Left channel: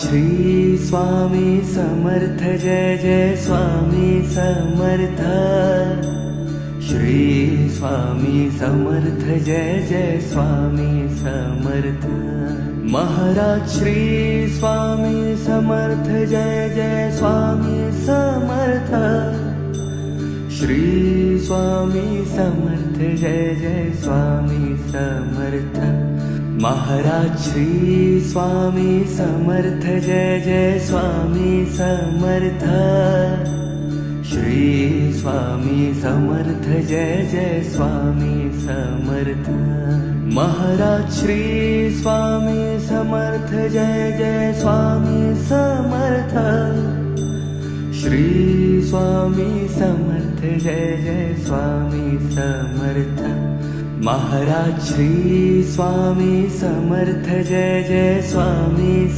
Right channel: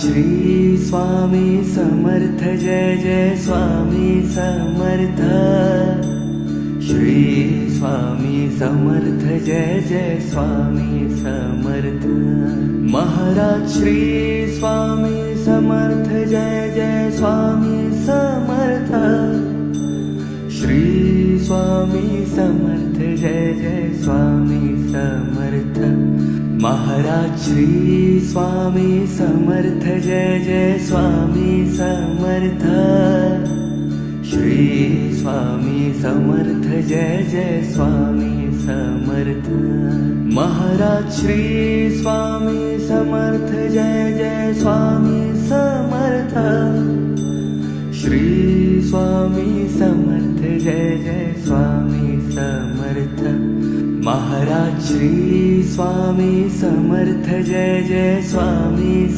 Shri Swami Samarth Jai Jai Swami Samarth. Shri Swami Samarth Jai Jai Swami Samarth. Maharaj Shri Swami Samarth Jai Jai Swami Samarth. Shri Swami Samarth Jai Jai Swami Samarth. Maharaj Shri Swami Samarth Jai Jai Swami Samarth. Shri Swami Samarth Jai Jai Swami Samarth. Maharaj Shri Swami Samarth Jai Jai Swami Samarth. Shri Swami Samarth Jai Jai Swami Samarth. Maharaj Shri Swami Samarth Jai Jai Swami